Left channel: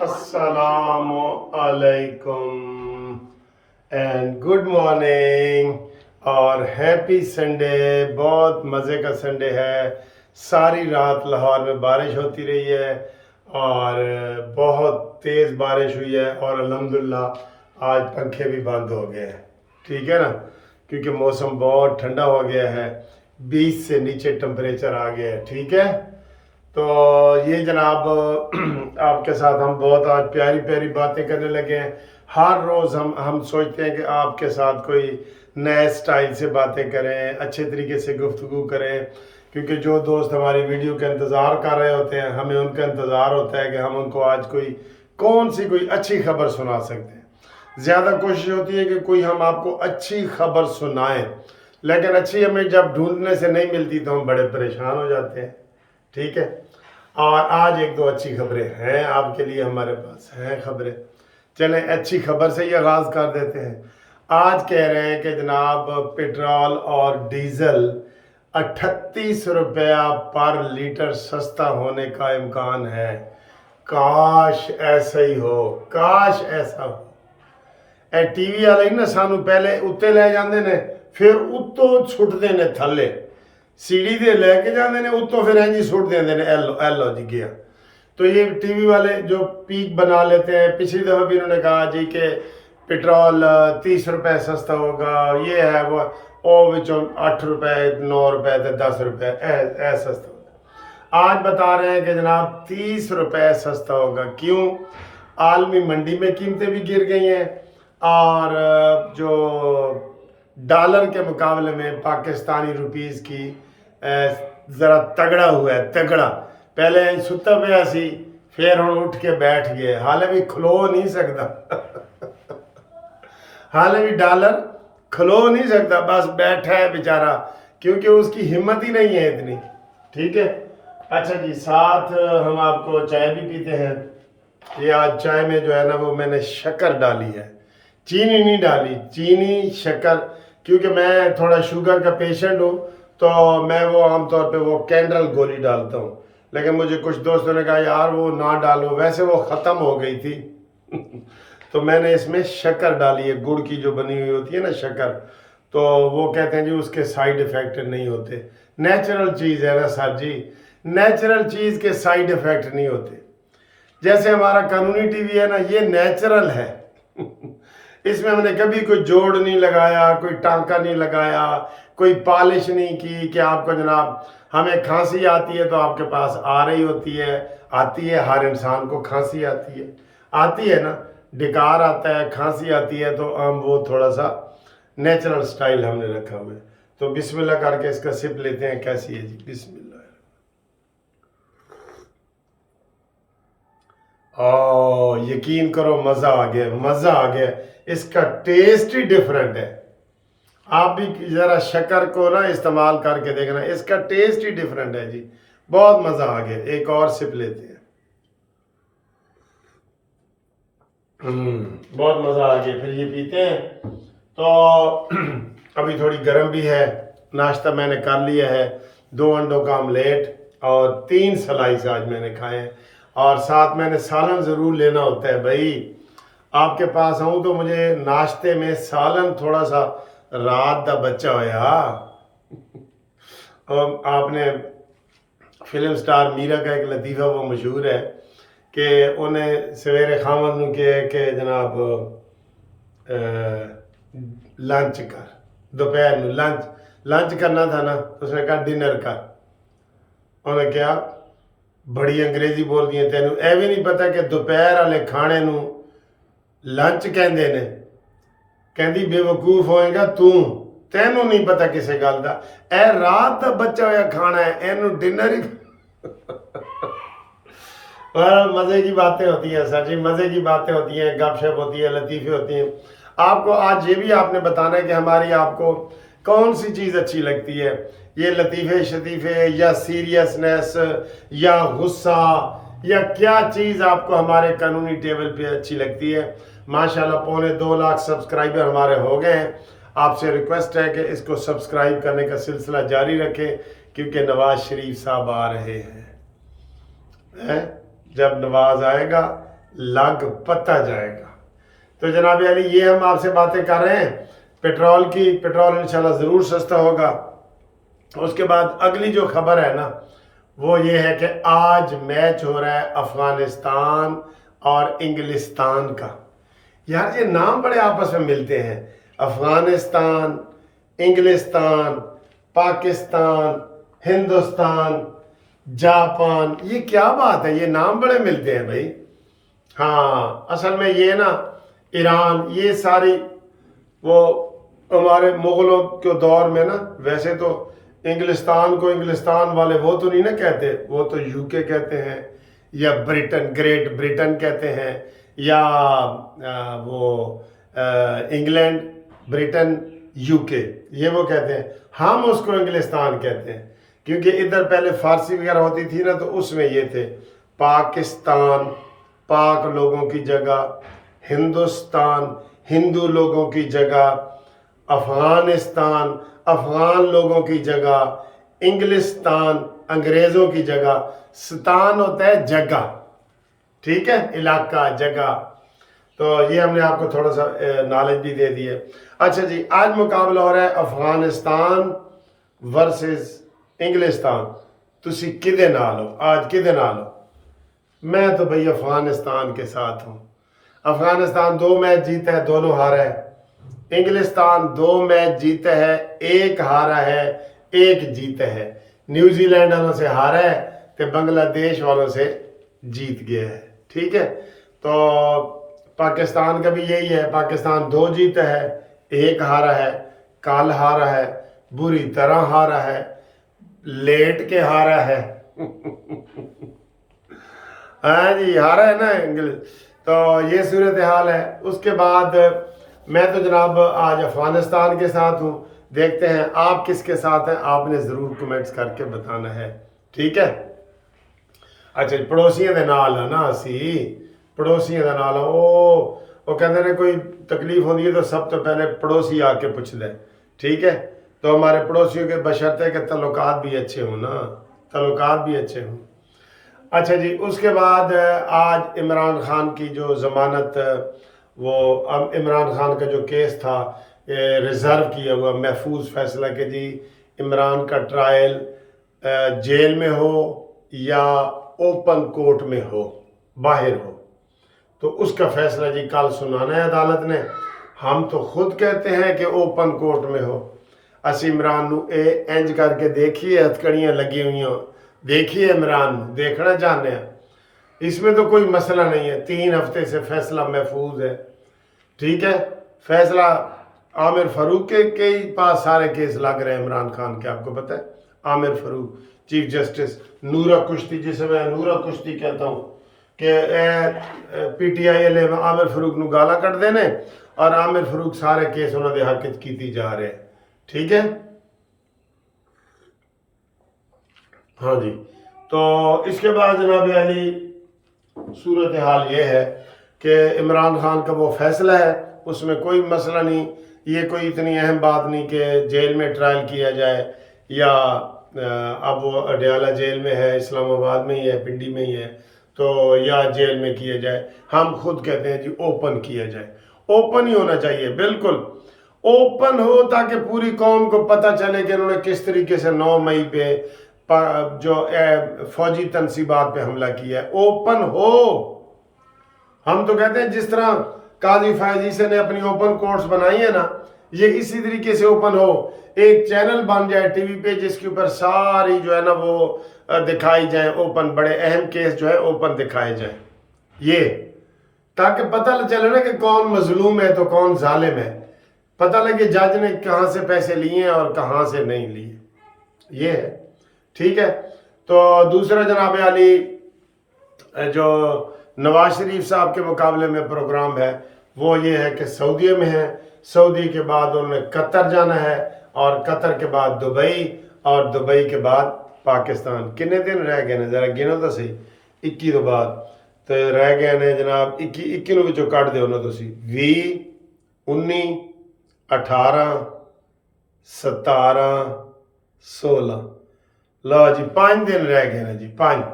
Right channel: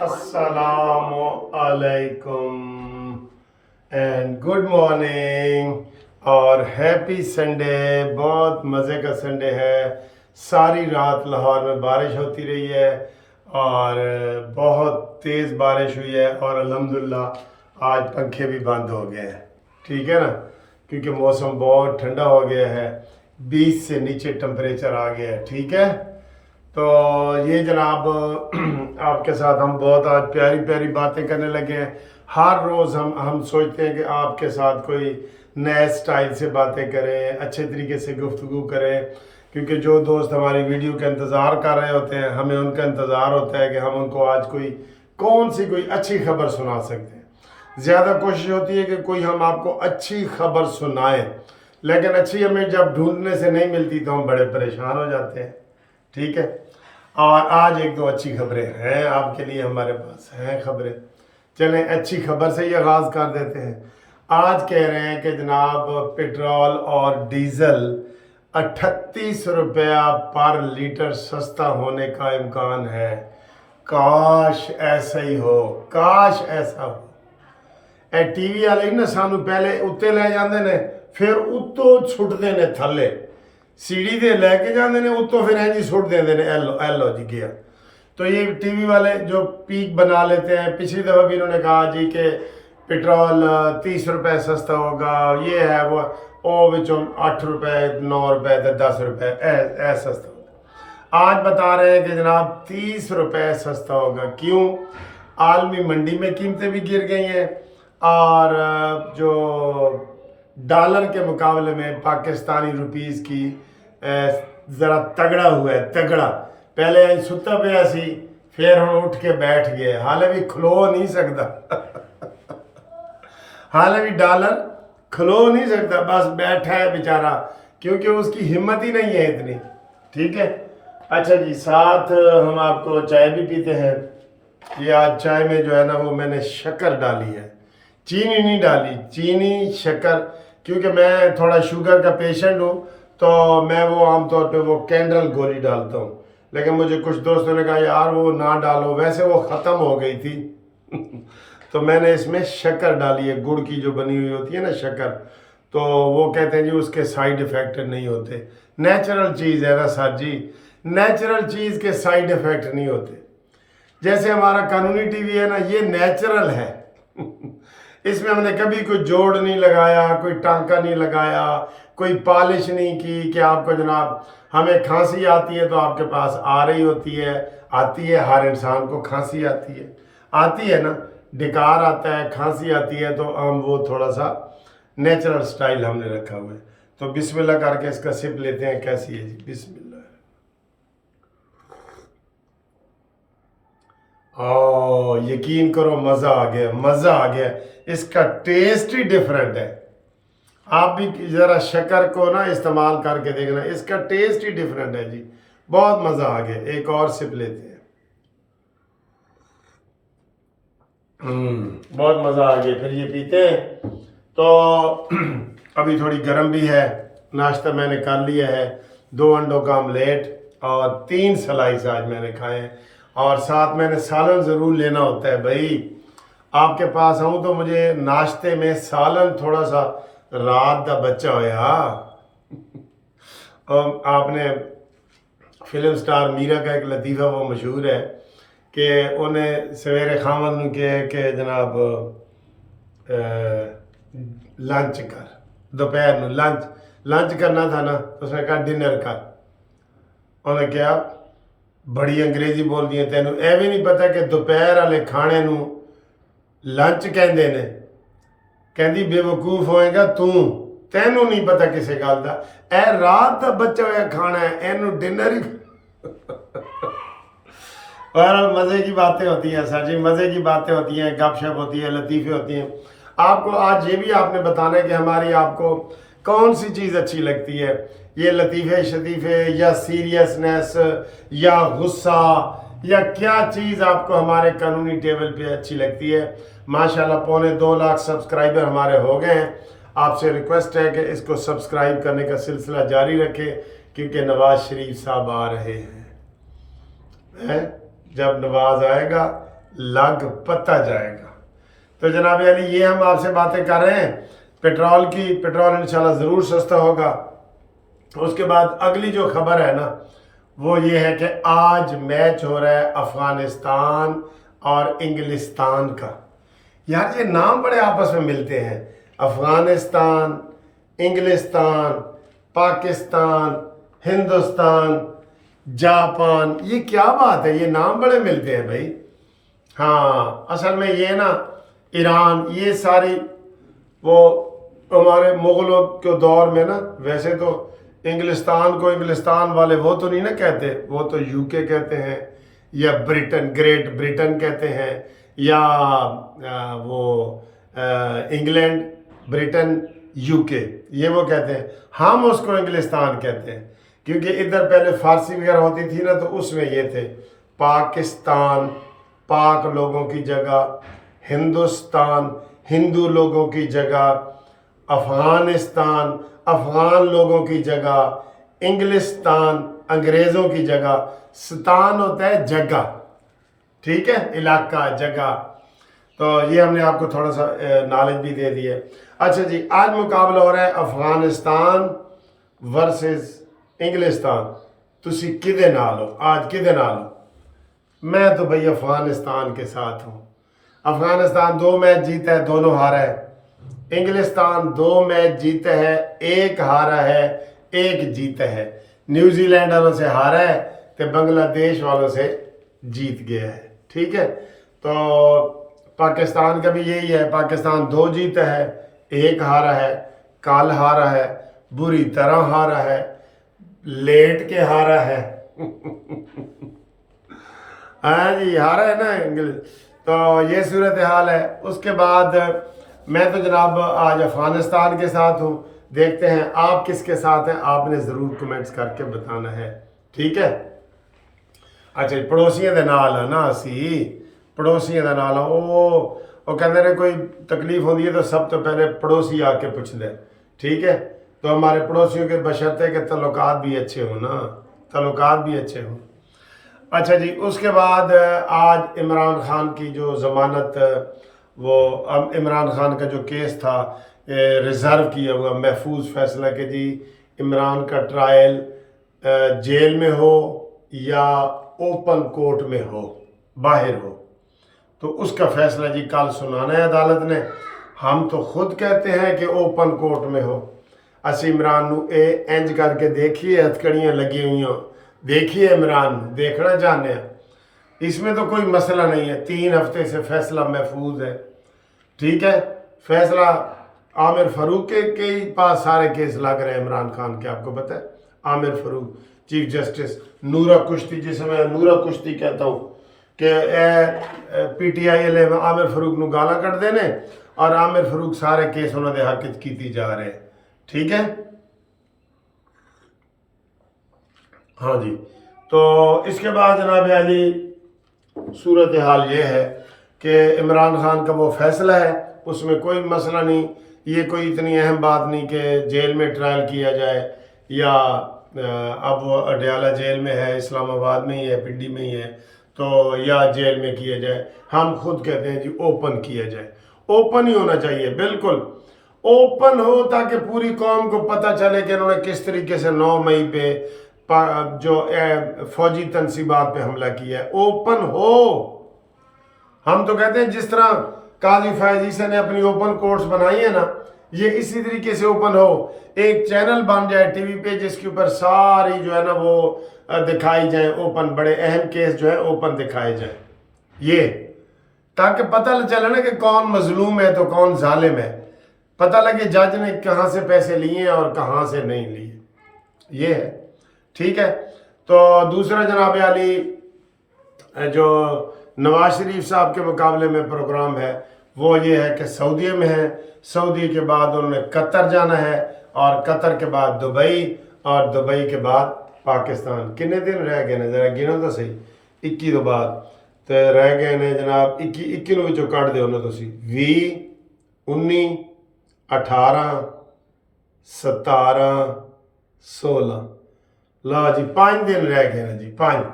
Assalamu alaikum and good morning اور happy Sunday. بہت مزے کا سنڈے ہے. ساری رات لاہور میں بارش ہوتی رہی ہے اور بہت تیز بارش ہوئی ہے اور الحمدللہ آج پنکھے بھی بند ہو گئے ہیں. ٹھیک ہے نا, کیونکہ موسم بہت ٹھنڈا ہو گیا ہے, 20 سے نیچے ٹمپریچر آ گیا ہے. ٹھیک ہے, تو یہ جناب آپ کے ساتھ ہم بہت آج پیاری پیاری باتیں کرنے لگے ہیں. ہر روز ہم سوچتے ہیں کہ آپ کے ساتھ کوئی نئے سٹائل سے باتیں کریں, اچھے طریقے سے گفتگو کریں, کیونکہ جو دوست ہماری ویڈیو کا انتظار کر رہے ہوتے ہیں ہمیں ان کا انتظار ہوتا ہے کہ ہم ان کو آج کوئی اچھی خبر سنا سکتے ہیں. زیادہ کوشش ہوتی ہے کہ کوئی ہم آپ کو اچھی خبر سنائیں, لیکن اچھی ہمیں جب ڈھونڈنے سے نہیں ملتی تو ہم بڑے پریشان ہو جاتے ہیں. ٹھیک ہے, اور آج ایک دو اچھی خبریں ہیں آپ کے لیے, ہمارے پاس ہیں خبریں. چلیں اچھی خبر سے ہی آغاز کر دیتے ہیں. آج کہہ رہے ہیں کہ جناب پیٹرول اور ڈیزل 38 روپیہ پر لیٹر سستا ہونے کا امکان ہے. کاش ایسا ہی ہو, کاش ایسا ہو. اے ٹی وی والے ہی نا سانو پہلے اتنے لے جاندے نے, پھر اتوں چھٹتے نے تھلے, سیڑھی دے لے کے جاندے نے اتوں پھر ہیں جی سٹ دیندے نے, ایلو جی گیا. تو یہ ٹی وی والے جو پیک بنا لیتے ہیں, پچھلی دفعہ بھی انہوں نے کہا جی کہ پیٹرول 30 روپے سستا ہوگا, یہ ہے وہ وچوں 8 روپے 9 روپے 10 روپے اے سستا ہوگا. آج بتا رہے ہیں کہ جناب 30 روپے سستا ہوگا. کیوں؟ عالمی منڈی میں قیمتیں بھی گر گئی ہیں اور جو ڈالر کے مقابلے میں پاکستانی روپیز کی ذرا تگڑا ہوا ہے, تگڑا. پہلے ستا پہ سی, پھر ہم اٹھ کے بیٹھ گئے, حالے بھی کھلو نہیں سکتا. حالے بھی ڈالر کھلو نہیں سکتا, بس بیٹھا ہے بیچارہ, کیونکہ اس کی ہمت ہی نہیں ہے اتنی. ٹھیک ہے, اچھا جی, ساتھ ہم آپ کو چائے بھی پیتے ہیں. یہ آج چائے میں جو ہے نا وہ میں نے شکر ڈالی ہے, چینی نہیں ڈالی, چینی شکر, کیونکہ میں تھوڑا شوگر کا پیشنٹ ہوں تو میں وہ عام طور پہ وہ کینڈل گولی ڈالتا ہوں. لیکن مجھے کچھ دوستوں نے کہا یار وہ نہ ڈالو, ویسے وہ ختم ہو گئی تھی. تو میں نے اس میں شکر ڈالی ہے, گڑ کی جو بنی ہوئی ہوتی ہے نا شکر, تو وہ کہتے ہیں جی اس کے سائیڈ ایفیکٹ نہیں ہوتے. نیچرل چیز ہے نا سر جی, نیچرل چیز کے سائیڈ ایفیکٹ نہیں ہوتے. جیسے ہمارا قانونی ٹی وی ہے نا, یہ نیچرل ہے. اس میں ہم نے کبھی کوئی جوڑ نہیں لگایا, کوئی ٹانکا نہیں لگایا, کوئی پالش نہیں کی کہ آپ کو جناب ہمیں کھانسی آتی ہے تو آپ کے پاس آ رہی ہوتی ہے. آتی ہے, ہر انسان کو کھانسی آتی ہے نا, ڈکار آتا ہے, کھانسی آتی ہے, تو ہم وہ تھوڑا سا نیچرل سٹائل ہم نے رکھا ہوا ہے. تو بسم اللہ کر کے اس کا سپ لیتے ہیں. کیسی ہے جی, بسم اللہ. یقین کرو مزہ آ گیا, مزہ آ گیا. اس کا ٹیسٹ ہی ڈیفرنٹ ہے. آپ بھی ذرا شکر کو نا استعمال کر کے دیکھنا, اس کا ٹیسٹ ہی ڈیفرنٹ ہے جی, بہت مزہ آ گیا. ایک اور سپ لیتے ہیں. بہت مزہ آ گیا, پھر یہ پیتے ہیں. تو ابھی تھوڑی گرم بھی ہے. ناشتہ میں نے کر لیا ہے, 2 انڈوں کا آملیٹ اور 3 سلائس آج میں نے کھائے ہیں. اور ساتھ میں نے سالن ضرور لینا ہوتا ہے بھائی. آپ کے پاس آؤں تو مجھے ناشتے میں سالن تھوڑا سا رات دا بچہ ہویا. اور آپ نے فلم سٹار میرا کا ایک لطیفہ وہ مشہور ہے کہ انہیں سویرے خامن نو کہ جناب لنچ کر, دوپہر نو لنچ کرنا تھا نا, اس نے کہا ڈنر کر. انہیں کیا بڑی انگریزی بول دی ہیں, تینوں اے بھی نہیں پتا کہ دوپہر والے کھانے نو لنچ کہندے نے. کہندی بے وقوف ہوئے گا تینوں نہیں پتا کسے گل دا, اے رات دا بچہ ہویا کھانا ہے, اینو ڈنر ہی. اور مزے کی باتیں ہوتی ہیں سر جی, مزے کی باتیں ہوتی ہیں, گپ شپ ہوتی ہے, لطیفے ہوتی ہیں. آپ کو آج یہ بھی آپ نے بتانا ہے کہ ہماری آپ کو کون سی چیز اچھی لگتی ہے, یہ لطیفے شطیفے یا سیریسنس یا غصہ یا کیا چیز آپ کو ہمارے قانونی ٹیبل پہ اچھی لگتی ہے. ماشاءاللہ 2.25 لاکھ سبسکرائبر ہمارے ہو گئے ہیں. آپ سے ریکویسٹ ہے کہ اس کو سبسکرائب کرنے کا سلسلہ جاری رکھیں, کیونکہ نواز شریف صاحب آ رہے ہیں. है, जब नवाज आएगा लग पता जाएगा। तो जनाब अली ये हम आपसे बातें कर रहे हैं पेट्रोल की। पेट्रोल इंशाल्लाह ज़रूर सस्ता होगा। उसके बाद अगली जो खबर है ना वो ये है कि आज मैच हो रहा है अफ़गानिस्तान और इंग्लिस्तान का। यार ये नाम बड़े आपस में मिलते हैं, अफ़गानिस्तान, इंग्लिस्तान, पाकिस्तान, हिंदुस्तान, जापान, ये क्या बात है, ये नाम बड़े मिलते हैं भाई। हाँ असल में ये ना ईरान, ये सारी वो हमारे मुग़लों के दौर में ना, वैसे तो इंग्लिस्तान को इंग्लिस्तान वाले वो तो नहीं ना कहते, वो तो यूके कहते हैं या ब्रिटेन, ग्रेट ब्रिटेन कहते हैं, या वो इंग्लैंड, ब्रिटेन, यूके, ये वो कहते हैं। हम उसको इंग्लिस्तान कहते हैं क्योंकि इधर पहले फारसी वगैरह होती थी ना, तो उसमें ये थे पाकिस्तान, पाक लोगों की जगह, हिंदुस्तान, हिंदू लोगों की जगह, अफ़गानिस्तान, अफ़गान लोगों की जगह, इंग्लिस्तान, अंग्रेज़ों की जगह। स्तान होता है जगह, ठीक है, इलाका, जगह। तो ये हमने आपको थोड़ा सा नॉलेज भी दे दी है। अच्छा जी, आज मुकाबला हो रहा है अफ़गानिस्तान वर्सेस इंग्लिस्तान। तुसी किदे नाल हो, आज किदे नाल हो? मैं तो भाई अफ़गानिस्तान के साथ हूँ। अफ़गानिस्तान 2 मैच जीता है, दोनों हारा है। इंग्लिस्तान 2 मैच जीता है, 1 हारा है, 1 जीता है। न्यूजीलैंड वालों से हारा है तो बांग्लादेश वालों से जीत गया है, ठीक है। तो पाकिस्तान का भी यही है, पाकिस्तान 2 जीता है, 1 हारा है, कल हारा है, बुरी तरह हारा है, लेट के हारा है हाँ जी, हारा है ना इंग्लिश। तो ये सूरत हाल है। उसके बाद मैं तो जनाब आज अफ़गानिस्तान के साथ हूँ। देखते हैं आप किसके साथ हैं, आपने ज़रूर कमेंट्स करके बताना है, ठीक है। अच्छा पड़ोसियों के नाल है ना, असी पड़ोसियों के नाल वो कहते ने कोई तकलीफ होती है तो सब तो पहले पड़ोसी आके पूछते हैं, ठीक है। तो हमारे पड़ोसियों के बशर्ते के तल्लुकात भी अच्छे हों ना, तल्लुकात भी अच्छे हों। अच्छा जी, उसके बाद आज इमरान खान की जो ज़मानत, वो इमरान खान का जो केस था रिज़र्व किया हुआ महफूज फैसला कि जी इमरान का ट्रायल जेल में हो या ओपन कोर्ट में हो, बाहर हो, तो उसका फैसला जी कल सुनाना है अदालत ने। हम तो खुद कहते हैं कि ओपन कोर्ट में हो। असी इमरान नू इंज करके देखिए, हथकड़ियाँ लगी हुई हों, देखिए इमरान देखना चाहते हैं। इसमें तो कोई मसला नहीं है, 3 हफ्ते से फैसला महफूज है, ठीक है। फैसला आमिर फ़ारूक के ही पास सारे केस लग रहे हैं इमरान खान के, आपको पता है। आमिर फ़ारूक चीफ जस्टिस, नूरा कुश्ती, जिसे मैं नूरा कुश्ती कहता हूँ कि PTI में आमिर फ़ारूक नू गाला कट देने और आमिर फ़ारूक सारे केस उन्होंने हक की जा रहे हैं, ठीक है। हाँ जी, तो इसके बाद जनाब अली सूरत हाल ये है कि इमरान खान का वो फैसला है, उसमें कोई मसला नहीं। ये कोई इतनी अहम बात नहीं कि जेल में ट्रायल किया जाए, या अब वो अडयाला जेल में है, इस्लामाबाद में ही है, पिंडी में ही है, तो या जेल में किया जाए। हम खुद कहते हैं जी ओपन किया जाए, ओपन ही होना चाहिए, बिल्कुल ओपन हो, ताकि पूरी कौम को पता चले कि उन्होंने किस तरीके से 9 मई पे जो फौजी तनसीबात पे हमला किया है। ओपन हो। हम तो कहते हैं जिस तरह काजी फैज ईसा ने अपनी ओपन कोर्ट्स बनाई है ना, ये इसी तरीके से ओपन हो। एक चैनल बन जाए टीवी पे जिसके ऊपर सारी जो है ना वो दिखाई जाए, ओपन बड़े अहम केस जो है ओपन दिखाए जाए, ये ताकि पता चले ना कि कौन मजलूम है तो कौन जालिम है, पता लगे जज ने कहाँ से पैसे लिए और कहाँ से नहीं लिए, ये है, ठीक है। तो दूसरा जनाब अली जो नवाज शरीफ साहब के मुकाबले में प्रोग्राम है वो ये है कि सऊदी में है, सऊदी के बाद उन्होंने कतर जाना है, और कतर के बाद दुबई, और दुबई के बाद पाकिस्तान। कितने दिन रह गए ने, ज़रा गिनो तो सही। 21 तो बाद तो रह गए ने जनाब, 21 ਨੂੰ ਵਿੱਚੋਂ ਕੱਢ ਦਿਓ ਨਾ ਤੁਸੀਂ, 20, 19, 18, 17, 16, लो जी 5 दिन रह गए ना जी, 5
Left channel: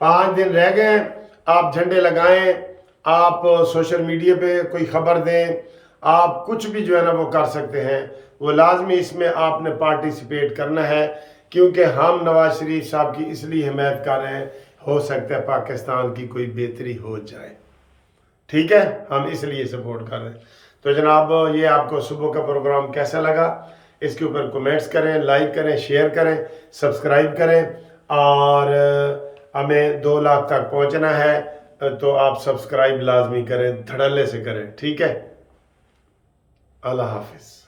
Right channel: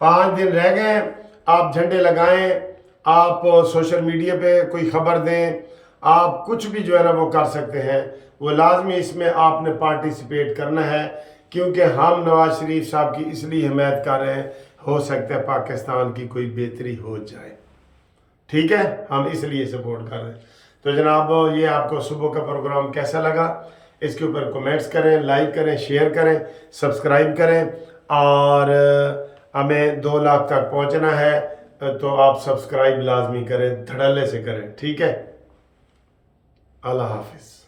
5 दिन रह गए हैं, आप झंडे लगाएं, आप सोशल मीडिया पे कोई ख़बर दें, आप कुछ भी जो है ना वो कर सकते हैं। वो लाजमी इसमें आपने पार्टिसिपेट करना है, क्योंकि हम नवाज शरीफ साहब की इसलिए हिमायत कर रहे हैं, हो सकता है पाकिस्तान की कोई बेहतरी हो जाए, ठीक है, हम इसलिए सपोर्ट कर रहे हैं। तो जनाब ये आपको सुबह का प्रोग्राम कैसा लगा, इसके ऊपर कमेंट्स करें, लाइक करें, शेयर करें, सब्सक्राइब करें, और हमें 2 लाख तक पहुंचना है, तो आप सब्सक्राइब लाजमी करें, धड़ल्ले से करें, ठीक है। अल्लाह हाफिज़।